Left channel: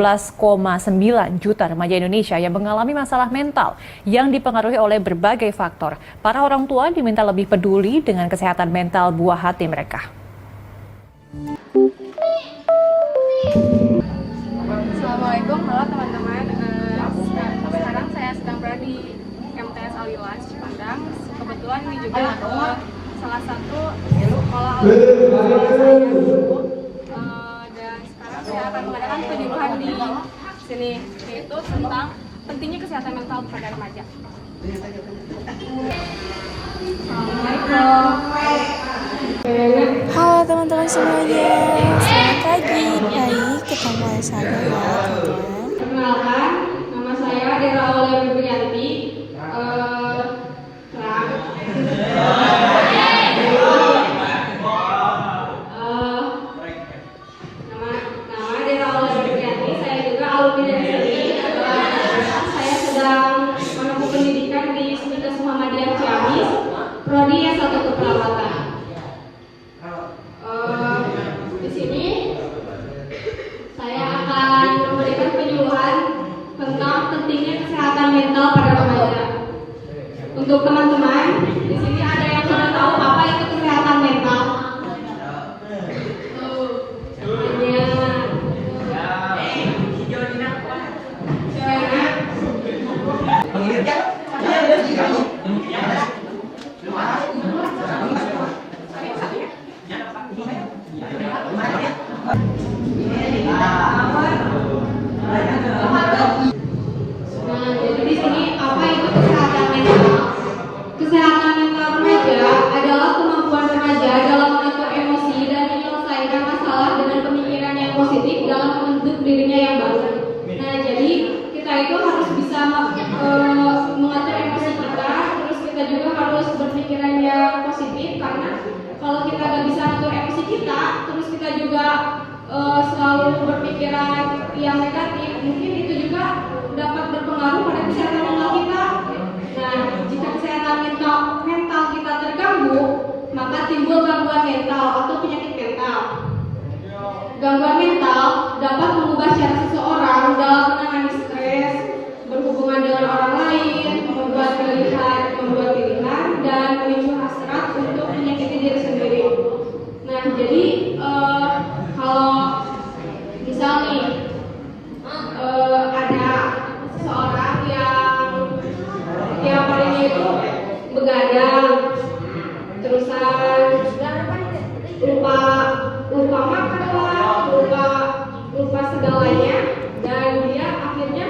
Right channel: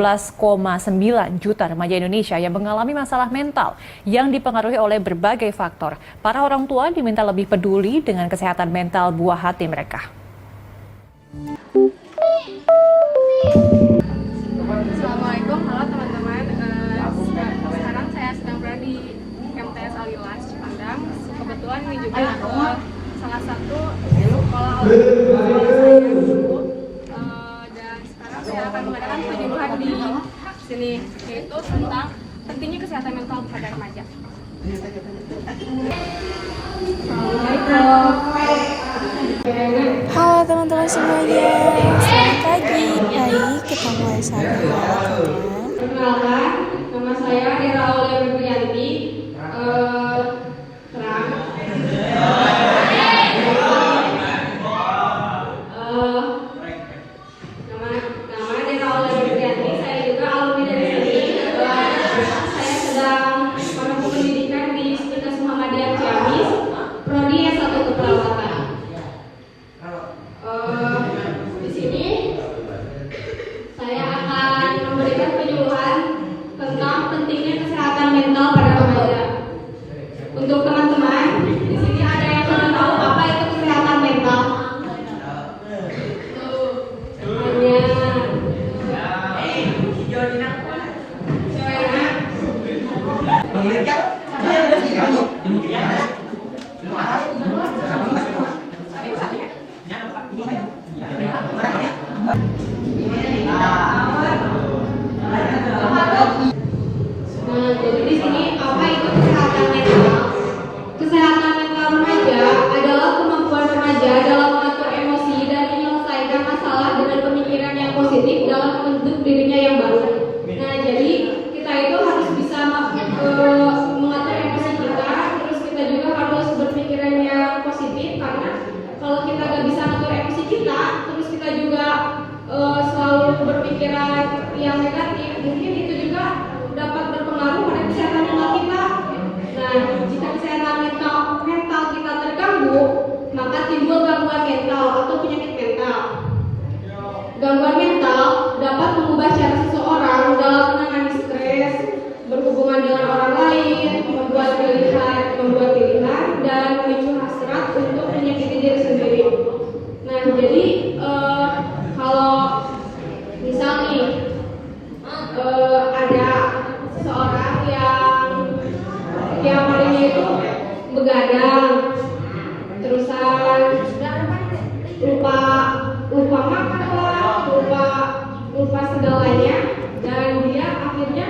12,9 juta remaja Indonesia yang mengalami masalah mental yang dipengaruhi oleh berbagai faktor. Para orang tua diminta lebih peduli dengan kesehatan mental buah hati mereka. Assalamualaikum, halo teman-teman. Sekarang saya sedang berada di MTS Aliwas Cipandang. Kebetulan ini juga salah satu sekolah dan sekarang saya akan mengadakan penyuluhan di sini, yaitu tentang pentingnya kesehatan mental pada remaja. Halo teman-teman semuanya, selamat pagi. Baik, kita mulai saja ya teman-teman. Perkenalkan, nama saya Dera Aulia Febrianti. Saya juga alumni dari sini. Saya sedang menempuh pendidikan di Universitas Muhammadiyah Ciamis, prodi S1 Keperawatan. Di sini saya akan memberikan penyuluhan tentang pentingnya kesehatan mental pada remaja. Untuk teman-teman, di sini ada yang sudah tahu apa itu kesehatan mental? Jadi di sini apa itu kesehatan mental? Kesehatan mental remaja adalah kemampuan remaja dalam mengatur emosi dan menyelesaikan masalah dengan pemikiran yang positif dalam membentuk dirinya yang baru. Nah, jadi kita itu harus bisa mengatur emosi kita, terus kita juga harus berpikiran yang positif, karena kalau kita nggak bisa mengatur emosi kita, terus kita juga selalu berpikiran yang negatif, mungkin itu juga dapat berpengaruh pada kesehatan mental kita. Nah, jika kesehatan mental kita terganggu, maka timbul gangguan mental atau penyakit mental. Gangguan mental dapat mengubah cara seseorang dalam menangani stres, berhubungan dengan orang lain, membuat pilihan, dan memicu hasrat untuk menyakiti diri sendiri. Nah, jadi kalau misal nih ada seseorang yang badannya itu begadang, terusan lupa makan, lupa segalanya, dan dia akhirnya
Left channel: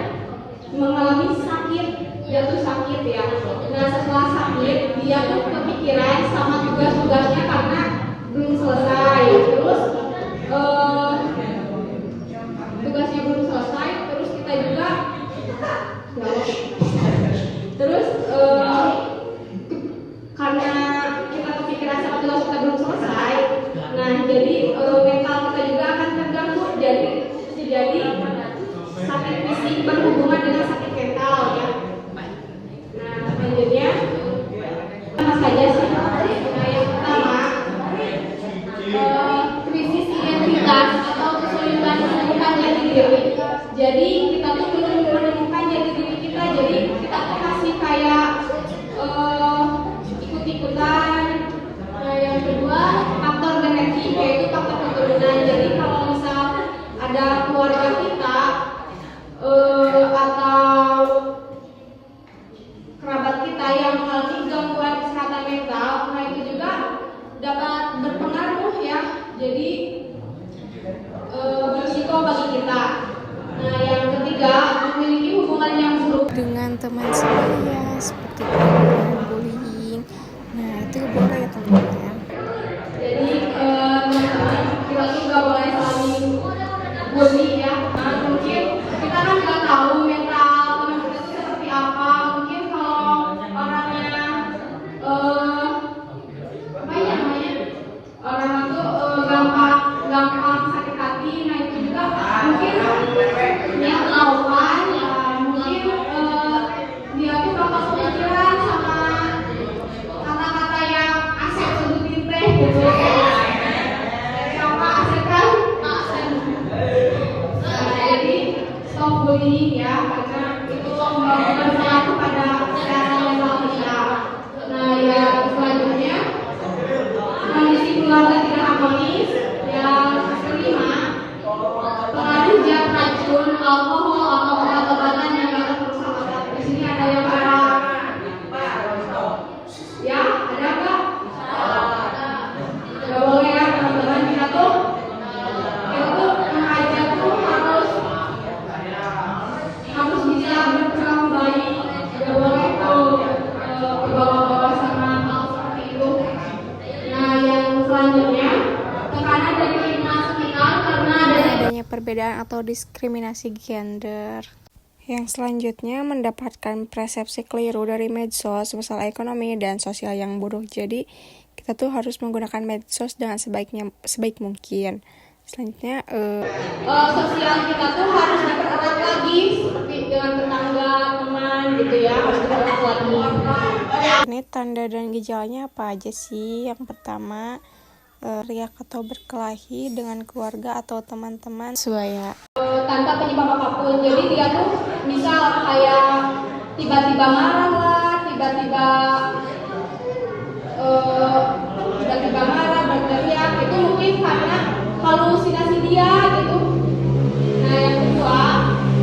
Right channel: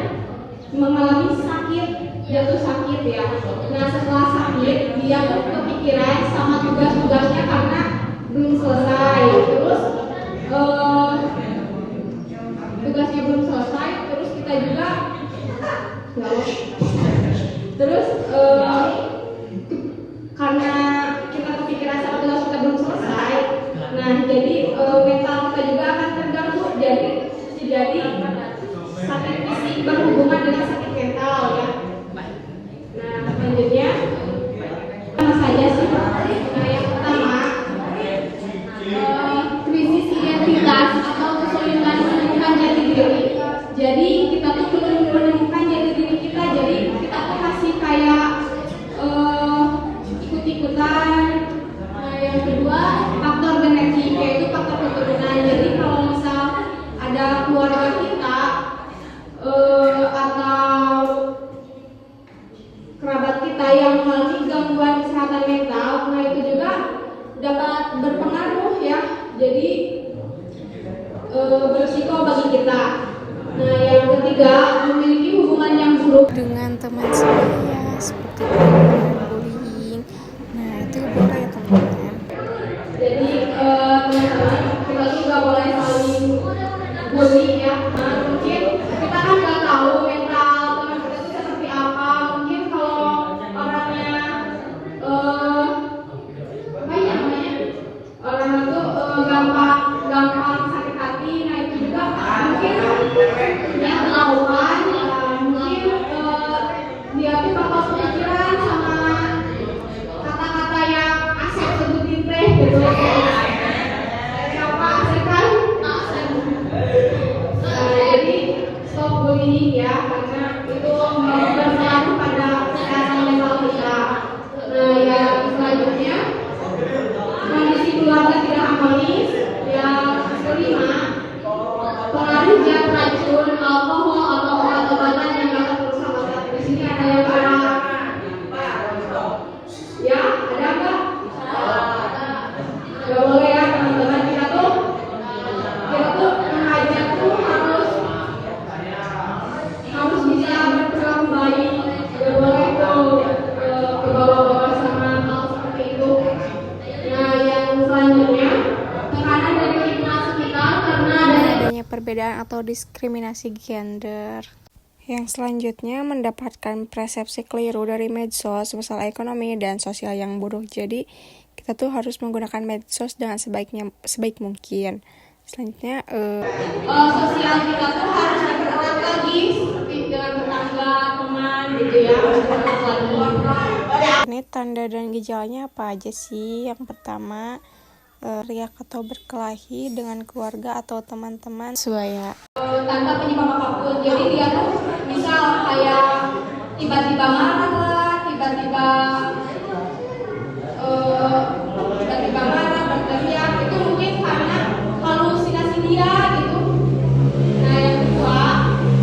mengalami sakit, jatuh sakit ya. Nah, setelah sakit dia pun kepikiran sama tugas-tugasnya karena belum selesai, terus tugasnya belum selesai, terus kita juga karena kita kepikiran sama tugas kita belum selesai, nah jadi mental kita juga akan terganggu, jadi sakit fisik berhubungan dengan sakit mental ya. Nah, selanjutnya apa saja sih? Yang pertama, krisis identitas atau kesulitan menemukan jati diri. Jadi kita tuh perlu menemukan jati diri kita. Jadi kita tuh masih kayak ikut-ikutan. Nah, yang kedua, faktor genetik, yaitu faktor keturunan. Jadi kalau misal ada keluarga kita atau kerabat kita yang mengalami gangguan kesehatan mental, nah itu juga dapat berpengaruh ya. Jadi berisiko bagi kita. Nah, yang ketiga, memiliki hubungan yang buruk Dengan teman sebaya seperti dengan bullying. Nah, itu boleh ya teman-teman. Jadi teman-teman, kita tuh nggak boleh saling bully ya. Nah, mungkin kita kan nggak tahu mental teman kita tuh seperti apa. Mungkin kalau orangnya apa ya namanya, orang itu gampang sakit hati. Nah, itu juga mungkin dia ketahuan, mungkin dia tuh bakal kepikiran sama kata-kata yang asik sebutin teh gitu. Siapa asik kan? Jadi bullying ya, karena itu berpengaruh pada kesehatan mental kita. Nah, yang selanjutnya kondisi keluarga tidak harmonis. Yang kelima, pengaruh zat racun, alkohol atau obat-obatan yang dapat merusak otak. Di sini ada yang marah. Ya, ada enggak? Nggak boleh ya teman-teman, kita tuh remaja tuh harus bisa berperan baik, nggak boleh tuh kebawa-bawa sama hal seperti itu. Nah, yang selanjutnya tekanan dari lingkungan sekitar karena adanya perbedaan atau diskriminasi gender. Yang selanjutnya mendapatkan persepsi keliru dari medsos, masalah ekonomi dan sosial yang buruk. Jadi kita tuh harus menggunakan medsos dengan sebaik mungkin. Selanjutnya sosial kita tuh harus dipererat lagi seperti dengan tetangga, teman gitu ya, harus dipererat lagi. ini tanda dan gejalanya apa aja sih? Yang pertama, riak atau berkelahi dengan keluarga atau teman-teman sebaya. Tanpa penyebab apapun, jadi dia tuh misal kayak tiba-tiba marah lah, tiba-tiba marah, berteriak, itu mungkin karena halusinasi dia gitu. Nah, yang kedua,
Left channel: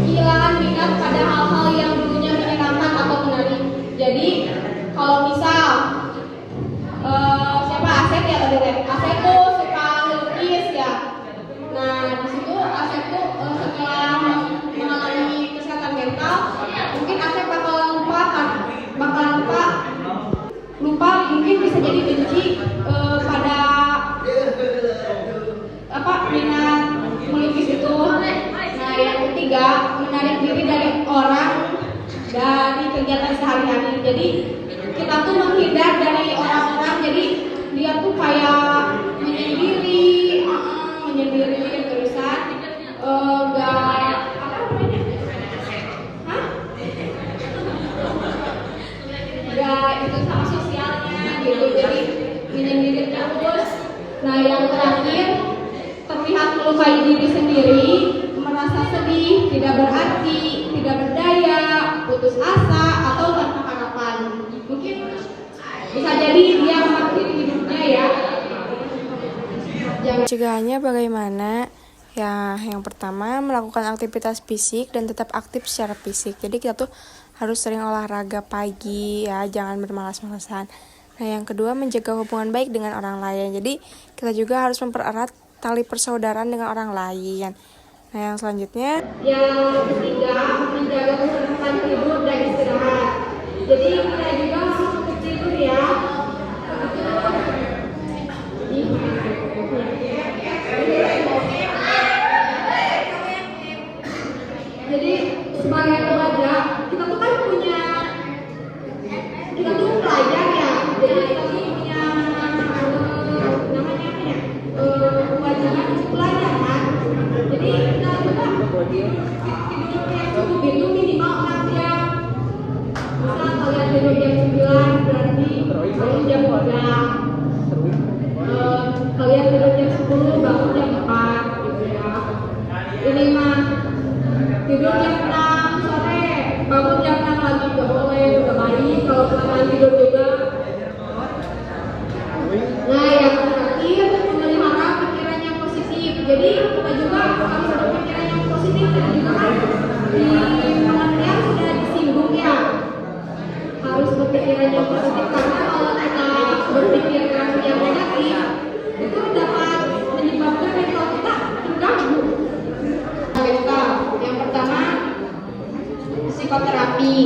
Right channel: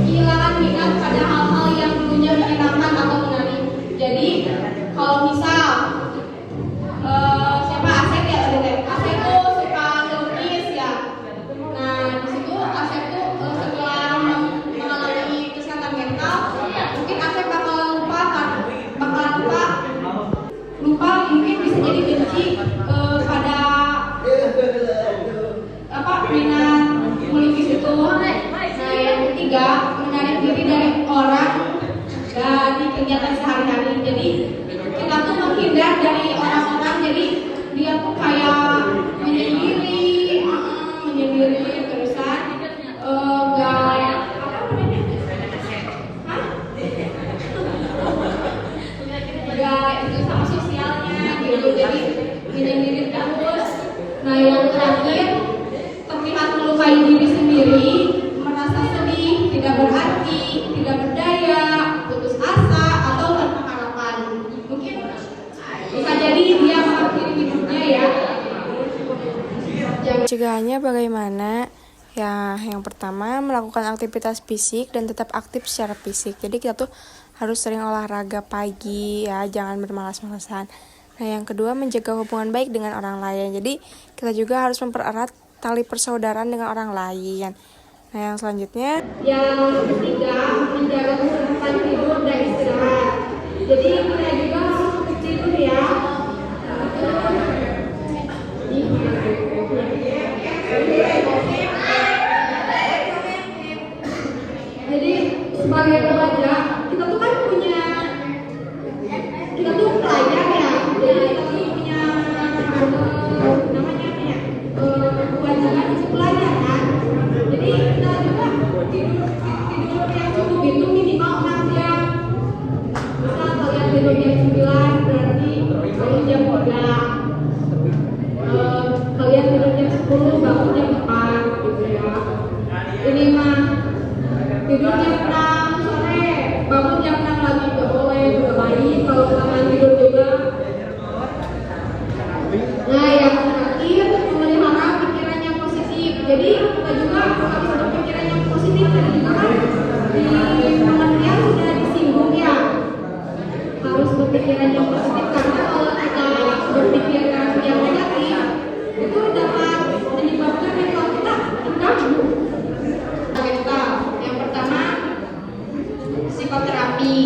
kehilangan minat pada hal-hal yang dulunya menyenangkan atau menarik. Jadi kalau misal siapa Asep ya, Asep tuh suka lukis ya. Nah, di situ Asep tuh setelah mengalami kesehatan mental, mungkin Asep bakal lupa, mungkin bisa jadi benci pada minat melukis itu. Nah, yang ketiga, menarik diri dari orang dari kegiatan sehari-hari. Jadi kita tuh menghindar dari orang-orang, jadi dia tuh kayak menyendiri terusan nggak itu sama sosialnya gitu, jadi menyendiri terus. Nah, yang terakhir, terlihat melukai diri sendiri, merasa sedih, tidak berarti, tidak berdaya, putus asa atau tanpa harapan. Mungkin bisa jadi dia mengakhiri hidupnya ya. Pencegahannya bagaimana? Ya, yang pertama melakukan aktivitas fisik dan tetap aktif secara fisik. Jadi kita tuh harus sering olahraga pagi ya, jangan bermalas-malasan. Nah, yang kedua menjaga hubungan baik dengan orang lain. Jadi kita juga harus mempererat tali persaudaraan dengan orang lain. Nah, yang selanjutnya yang ketiga, menjaga kesehatan tidur dan istirahat. Jadi kita juga harus untuk tidur ya. Jadi sebagai remaja kita tuh kan kita tuh pelajar ya. Jadi kita tuh punya namanya kewajiban untuk pelajar kan. Jadi kita juga tidurnya itu minimal 6 jam. Misal kalian tidur jam 9 berarti bangun jam 3. Kalian tidur jam 10 bangun jam 4 gitu ya. Ini mah tidur jam 6 sore, bangun jam 6 lagi boleh, udah mandi kalau kalian tidur juga. Nah, yang terakhir memelihara pikiran yang positif. Jadi kita juga harus berpikiran yang positif dan juga di lingkungannya sudah disinggung ya. Harus berpikiran yang positif karena kalau kita berpikiran yang negatif itu dapat menyebabkan mental kita terganggu. Yang pertama, psikoterapi.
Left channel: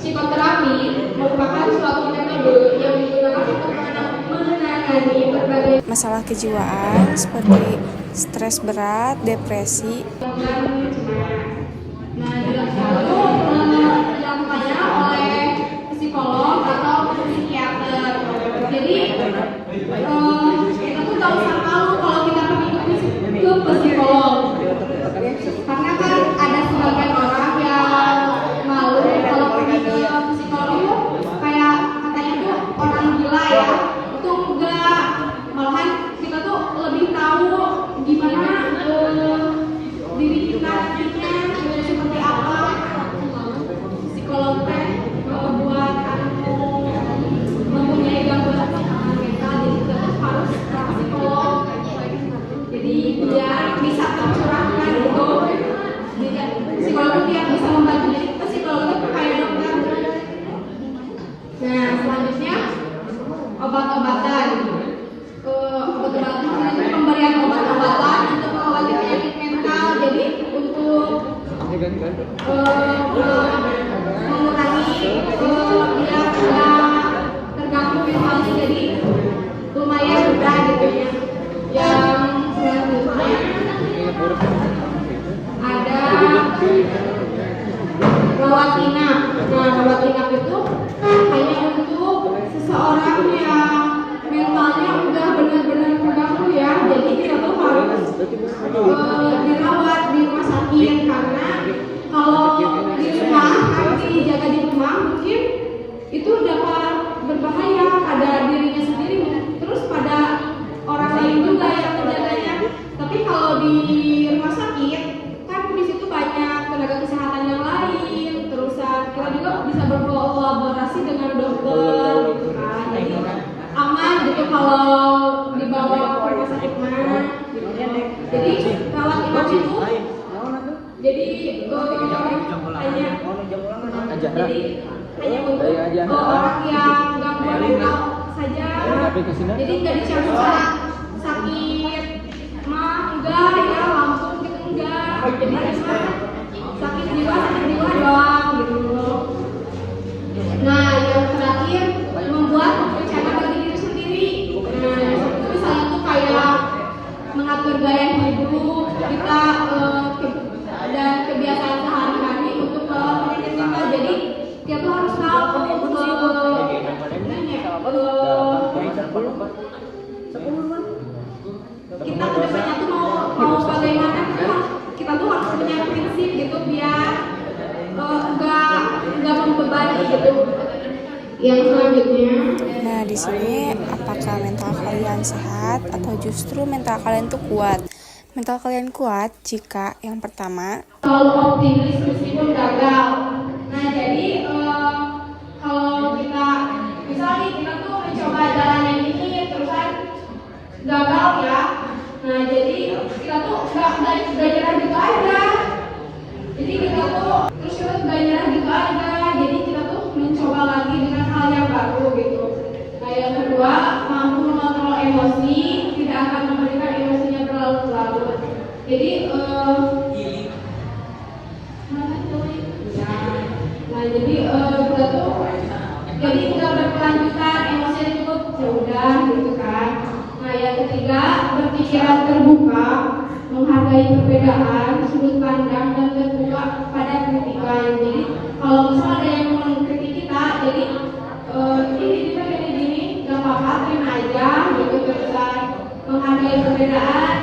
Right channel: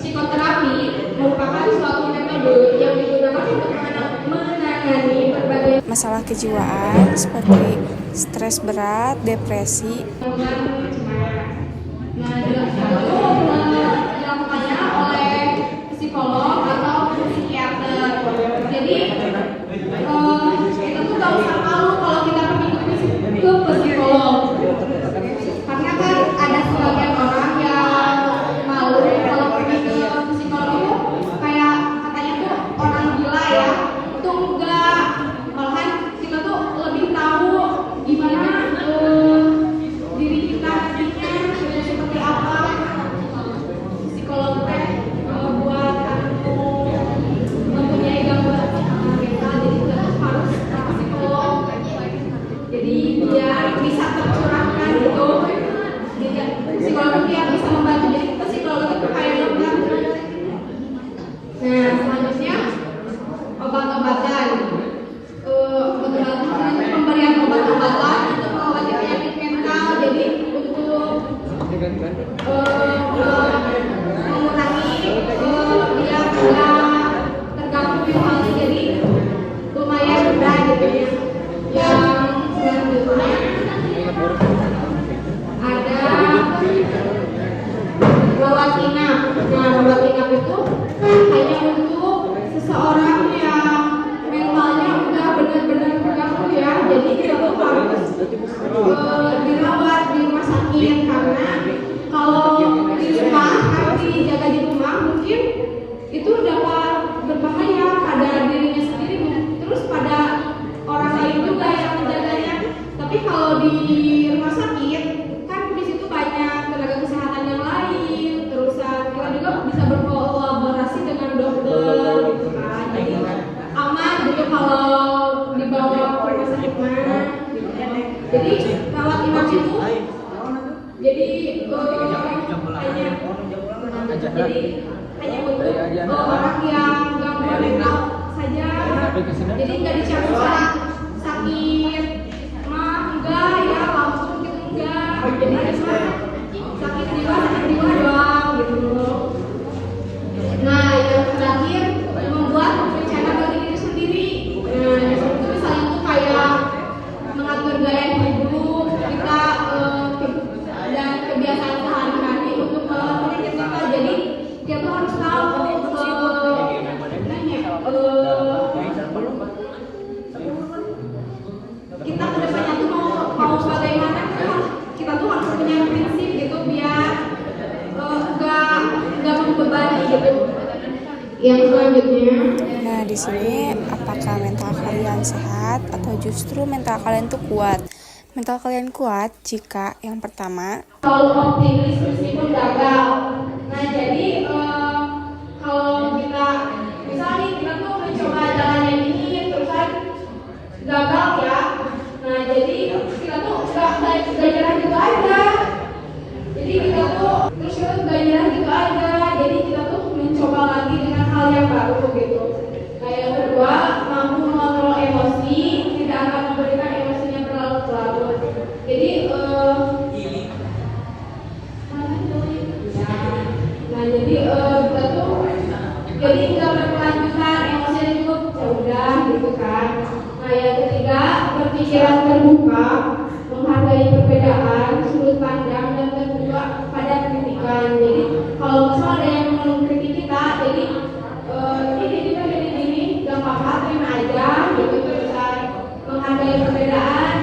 Psikoterapi merupakan suatu metode yang digunakan untuk menangani berbagai masalah kejiwaan seperti stres berat, depresi. Nah, dengan itu dilakukannya oleh psikolog atau psikiater. Jadi kita tuh gak usah malu kalau kita pergi ke psikolog. Karena kan ada sebagian orang yang malu kalau pergi ke psikolog itu kayak katanya tuh orang gila ya. Itu enggak, malahan kita tuh lebih tahu gimana diri kita dijaga di rumah mungkin itu dapat berbahaya pada dirinya sendiri, terus pada orang lain juga yang menjaganya. Tapi kalau di rumah sakit kan di situ banyak tenaga kesehatan yang lain, terus kita juga bisa berkolaborasi dengan dokter gitu kan. Jadi aman gitu kalau dibawa ke rumah sakit mana. Jadi rawat inap itu jadi hanya untuk orang yang gangguan mental saja. Jadi nggak dicampur sakit mah enggak ya, langsung gitu enggak. Jadi cuma sakit jiwa doang gitu. Nah yang terakhir membuat rencana bagi diri sendiri. Nah itu misalnya tuh kayak mengatur gaya hidup kita dan kebiasaan sehari-hari untuk menurunkan kita. Jadi kita tuh harus tahu kita kedepannya tuh mau bagaimana, kita tuh harus punya prinsip gitu biar nggak membebani gitu. Yang selanjutnya. Nah, di sini apakah mental kalian sehat atau justru mental kalian tuh kuat? Mental kalian kuat jika yang pertama kalau optimis meskipun gagal. Nah, jadi kalau kita misalnya kita tuh mencoba jalan yang ini terus kan gagal ya. Nah, jadi kita tuh nggak nyerah gitu aja. Jadi kita tuh terus kita nggak nyerah gitu aja. Jadi kita tuh mencoba lagi dengan hal yang baru gitu. Nah, yang kedua, mampu mengontrol emosi, tidak akan memberikan emosinya berlarut-larut. Jadi kita tuh jadi nggak berkelanjutan, emosinya cukup udah gitu kan. Nah yang ketiga, berpikiran terbuka, menghargai perbedaan, sudut pandang dan terbuka pada kritikan. Jadi kalau misalnya ada yang mengkritik kita, jadi ini kita gini gak apa-apa, terima aja gitu kan. Menghargai perbedaan.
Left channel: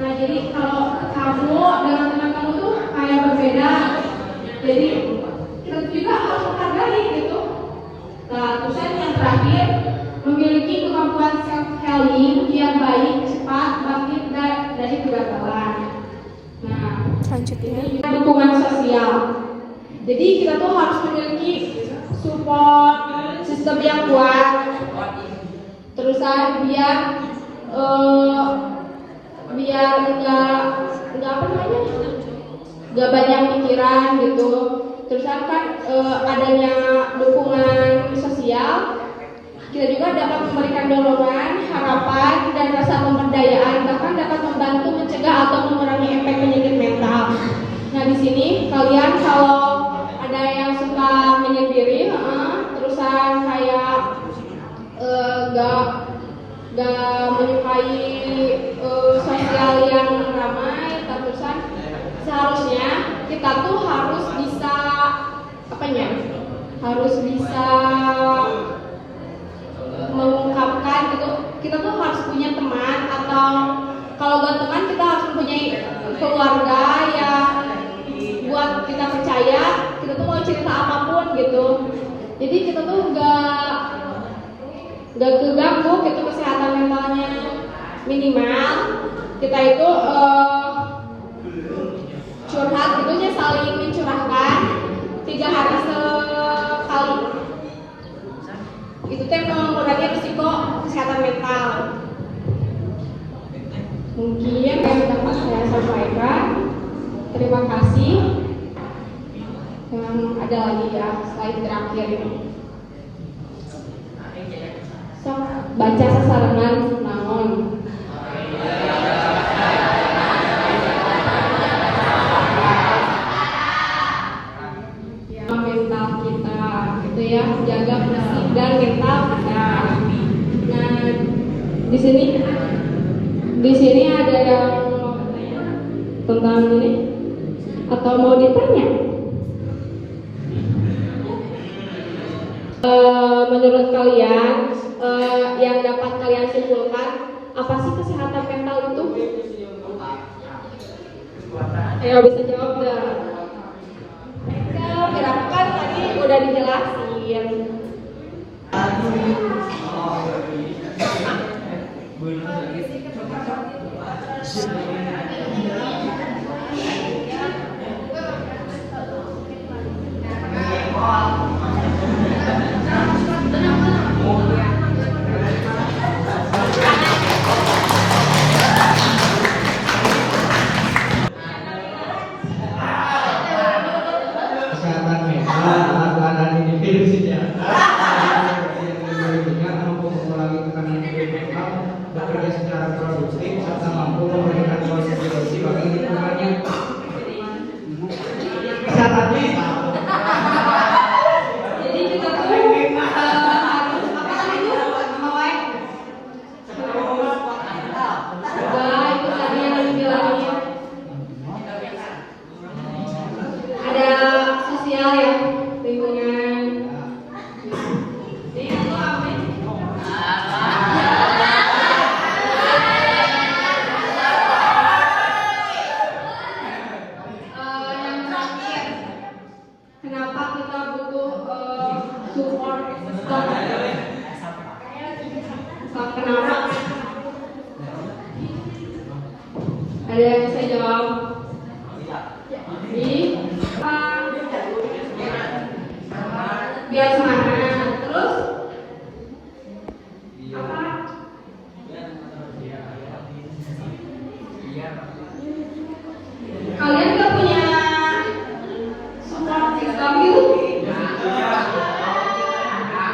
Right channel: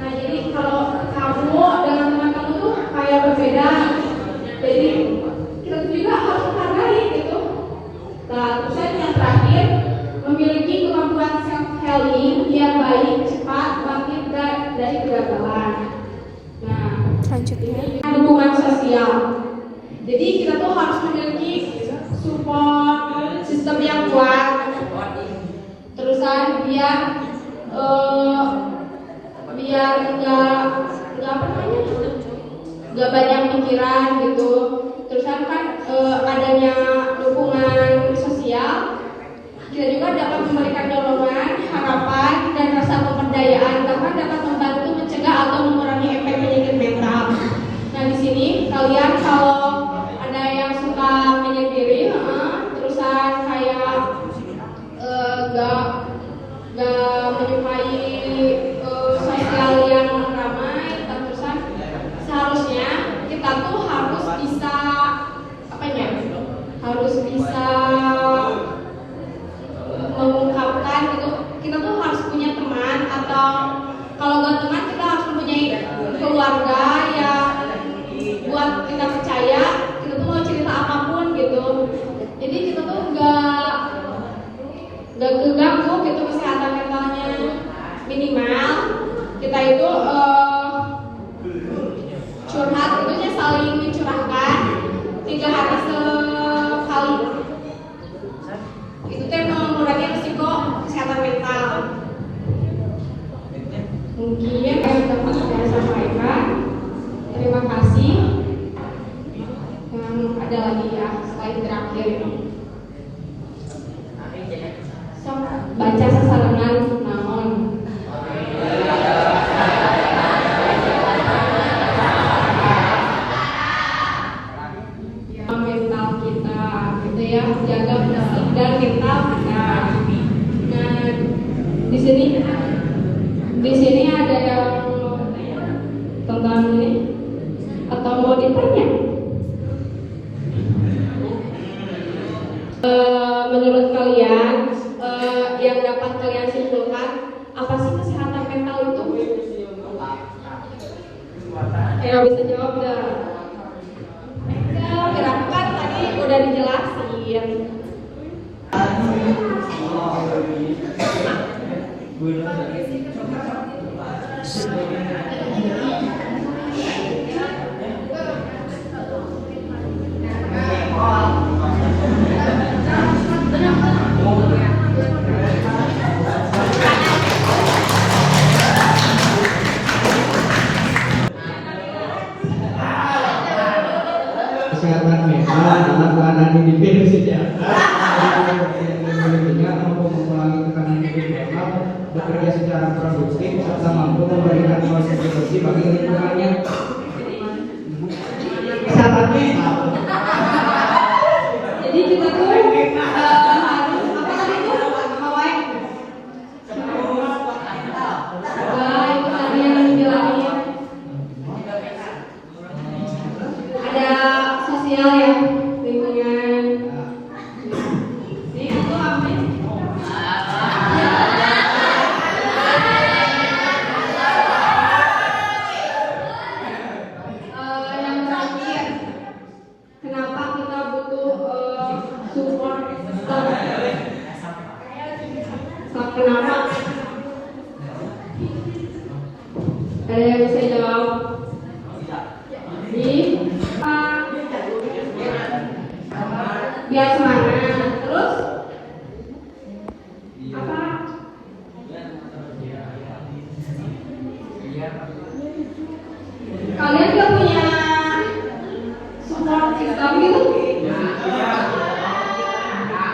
Nah jadi kalau kamu dan teman kamu tuh kayak berbeda, jadi kita juga harus menghargai gitu. Nah, terus yang terakhir, memiliki kemampuan self-healing yang baik, cepat, bangkit dari kegagalan. Nah, selanjutnya dukungan sosial. Jadi kita tuh harus memiliki support sistem yang kuat. Terusan biar nggak banyak pikiran gitu. Terus kan adanya dukungan sosial, kita juga dapat memberikan dorongan, harapan, dan rasa pemberdayaan, bahkan dapat membantu mencegah atau mengurangi efek penyakit mental. Nah di sini kalian kalau ada yang suka menyendiri, terusan kayak nggak menyukai sosial yang ramai, terusan seharusnya kita tuh harus bisa mengungkapkan gitu. Kita tuh harus punya teman, atau kalau gak teman kita harus mempunyai keluarga yang buat kita percaya kita tuh mau cerita apapun gitu. Jadi kita tuh gak keganggu gitu kesehatan mentalnya. Minimal kita itu curhat itu saling mencurahkan 3 hari sekali. Itu tuh mengurangi risiko kesehatan mental. Mungkin yang dapat saya sampaikan. Terima kasih. Ada lagi ya slide terakhir. So, baca sasaran namun. Mental kita gitu ya, jaga fisik dan mental kita. Nah di sini ada yang tentang ini atau mau ditanya? Menurut kalian yang dapat kalian simpulkan, apa sih kesehatan mental itu? Ayo bisa jawab nggak? Kenapa kan tadi udah dijelasin. Kesehatan mental alat-alat yang dipilih sejahtera dengan mampu mengurangi tekanan mental, bekerja secara produktif serta mampu memberikan kontribusi bagi lingkungannya. Kesehatan mental. Jadi kita tuh harus apa namanya? Awet. Itu tadi yang dijelasin. Ada sosial ya, lingkungan. Ini itu apa ini? Yang terakhir, kenapa kita butuh support external? Kenapa? Ada yang bisa jawab? Biar semangat. Terus apa? Kalian juga punya support system gitu?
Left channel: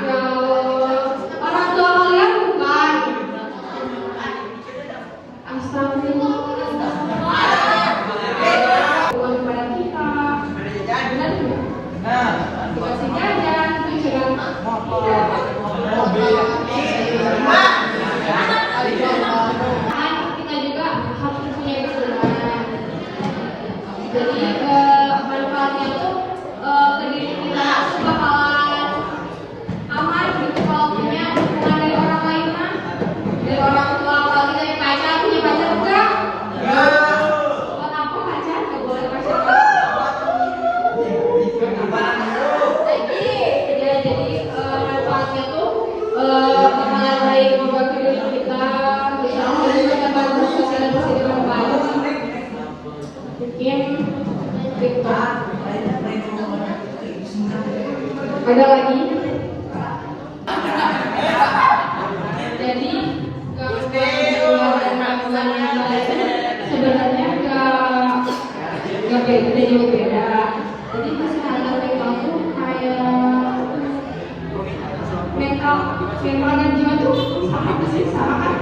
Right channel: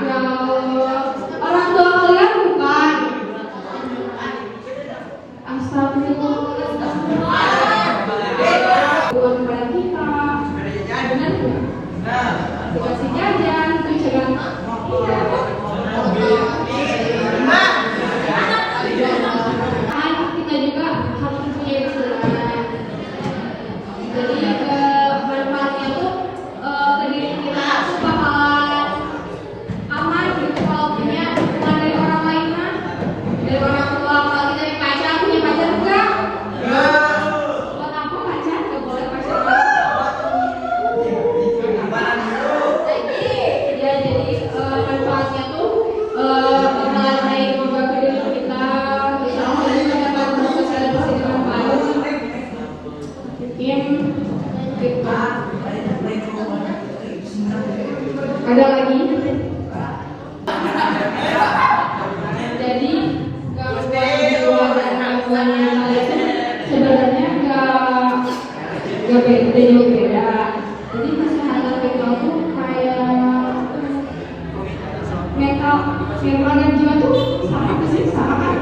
Ya, orang tua kalian bukan. Astagfirullah. Bukan pada kita. Benar nggak? Dikasihnya jangan dicurang. Kita juga harus mempunyai kesadaran. Jadi manfaatnya tuh ke diri kita bakalan aman gitu kalau punya dukungan dari orang lain kan, dari orang tua. Kalau kita punya pacar enggak? Buat apa pacar? Buat pacar. Jadi manfaatnya tuh bakalan baik membuat hidup kita. Misalnya kita akan bersosialisasi dengan baru. Mungkin gitu. Ada lagi? Jadi kalau dan acuan yang ada itu sebenarnya nggak beda. Jadi kesehatan mental tuh kayak mental dan jiwa tuh sama sih, sama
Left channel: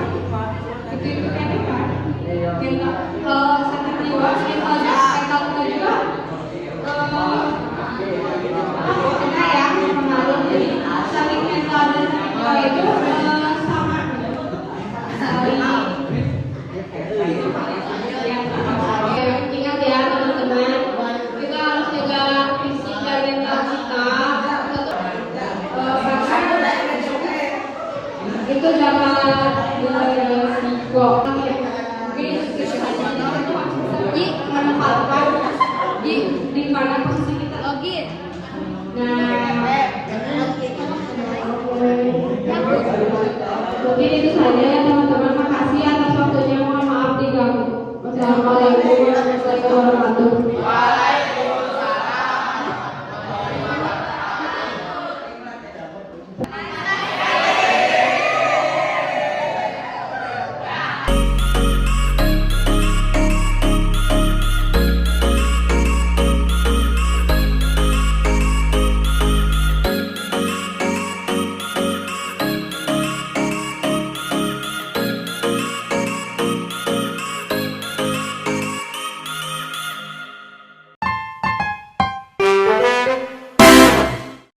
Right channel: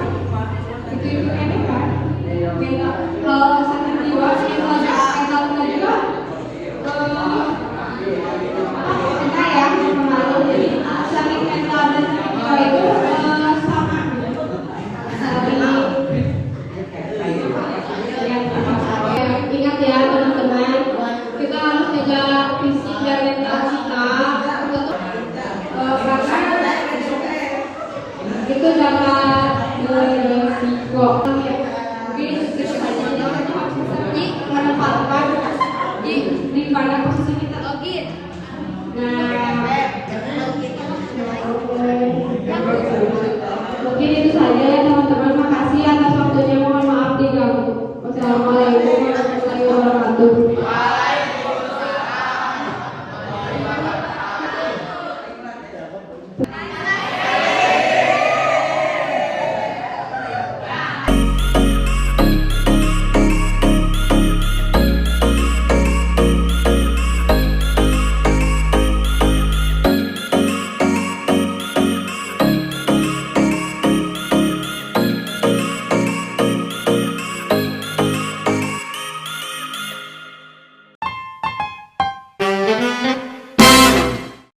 itu kayaknya kan mental. Kalau sakit jiwa mental kita juga ada yang mengaruh. Jadi sakit mental dan sakit jiwa itu sama. Ingat ya teman-teman, kita harus jaga fisik dan mental kita, karena itu dapat beresiko. Mungkin kita menempatkan di pada posisi kita. Nah, mungkin itu saja.